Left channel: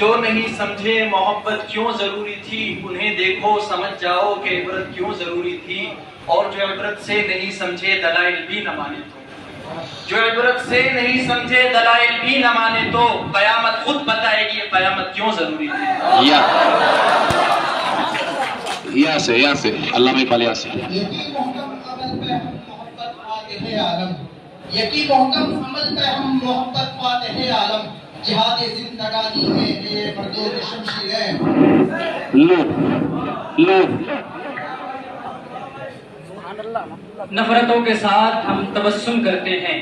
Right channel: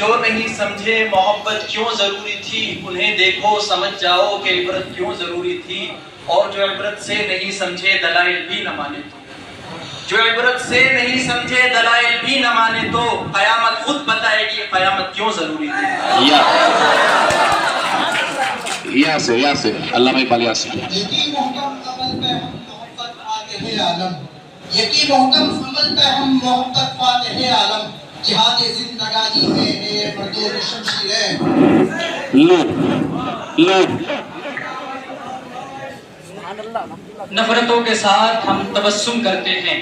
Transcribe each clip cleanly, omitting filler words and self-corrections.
جو نہیں سمجھے محبت کیوں ضروری تھی، انہیں دیکھو سمجھ جاؤ کہ عبرت کیوں ضروری تھی، اور جو عبرت سے نہیں سمجھے دلائل بھی نہ مانے تو، جو عبرت سے نہیں سمجھے دلائل بھی نہ مانے تو قیامت خود بتائے گی قیامت کیوں ضروری تھی۔ یا سے علامہ اقبال یا سے یقین محکم عمل پہ ہم محبت فاتح عالم، یقین محکم عمل پہ ہم محبت فاتح عالم، جہاد زندگانی ہے یہ مردود شمشیر ہے۔ نفرتوں کے ساتھ ہم تبسم کرتے ہیں،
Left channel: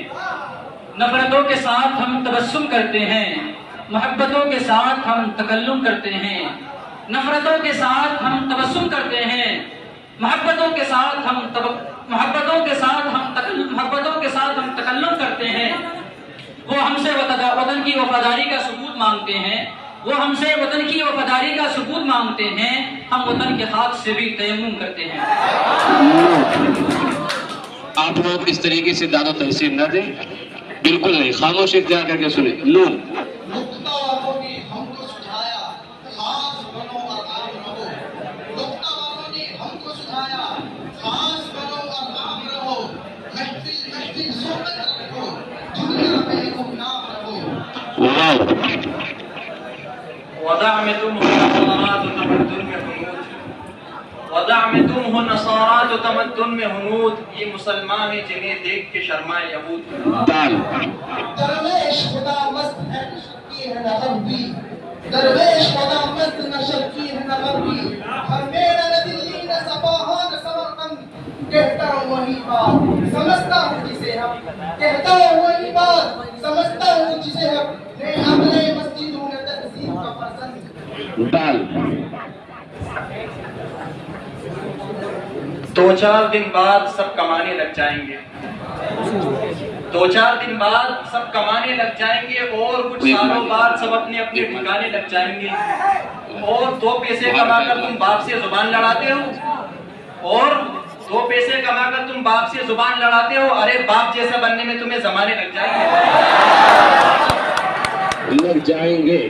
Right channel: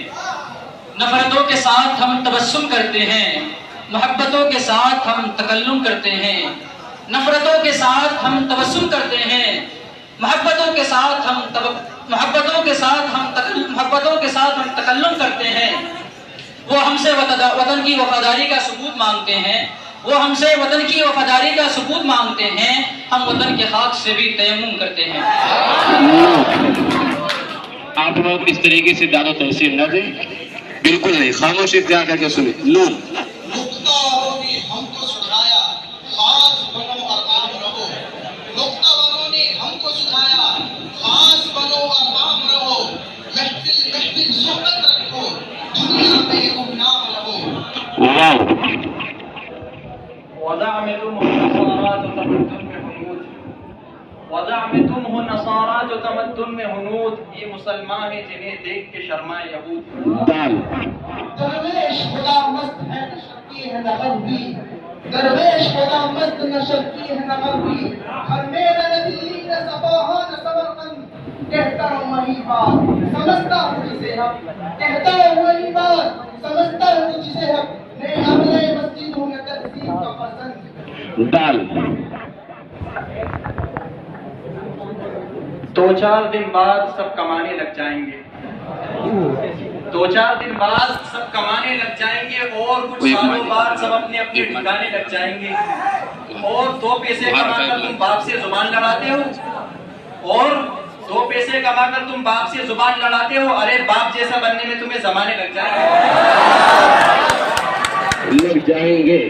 نفرتوں کے ساتھ ہم تبسم کرتے ہیں، محبتوں کے ساتھ ہم تکلم کرتے ہیں، نفرتوں کے ساتھ ہم تبسم کرتے ہیں، محبتوں کے ساتھ ہم تکلم کرتے ہیں۔ وہ ہم سے وطن کی وفاداری کا ثبوت مانگتے ہیں، وہ ہم سے وطن کی وفاداری کا ثبوت مانگتے ہیں، ہم وطن کے خاک سے بھی تیمم کرتے ہیں۔ آپ لوگ اس طریقے سے داد و تحسین نہ دیں، بالکل نہیں، خاموش اختیار کر کے سنیں۔ نقطہ والوں نے ہم کو سجھایا خاص بنو اور عام رہو، نقطہ والوں نے ہم کو سجھایا خاص بنو اور عام رہو، محفل محفل صحبت رکھو، دنیا میں گمنام رہو۔ وضع میں تم ہو نصارات و تمدن میں ہنود، وضع میں تم ہو نصارات و تمدن میں ہنود، یہ مسلمان ہیں جنہیں دیکھ کے شرمائے یہود۔ درویش خدا مست ہے نشر کی ہے نغم بھی، درویش خدا مست نشر کی ہے نغم بھی، ہر میرا نہ دلی نہ صفاہا نہ سمرقند، کہتا ہوں وہی بات سمجھتا ہوں جسے حق، کہتا ہوں وہی بات سمجھتا ہوں جسے حق، میں عملے مسجد ہوں میں تہذیب کا فرزند۔ دو چار دن بعد سب کمانے لگ جائیں گے، دو چار دن بعد سب کمانے لگ جائیں گے، اور کچھ سالوں بعد سب اپنے اپنے ٹھکانے لگ جائیں گے، اور دو پیسے کما کر تم باپ سے زبان لڑاتے ہو، اور دو پیسے کما کر تم باپ سے زبان لڑاتے ہو، ارے باپ جیسا بننے میں تمہیں زمانے لگ جائیں گے۔ لگ جائیں گے۔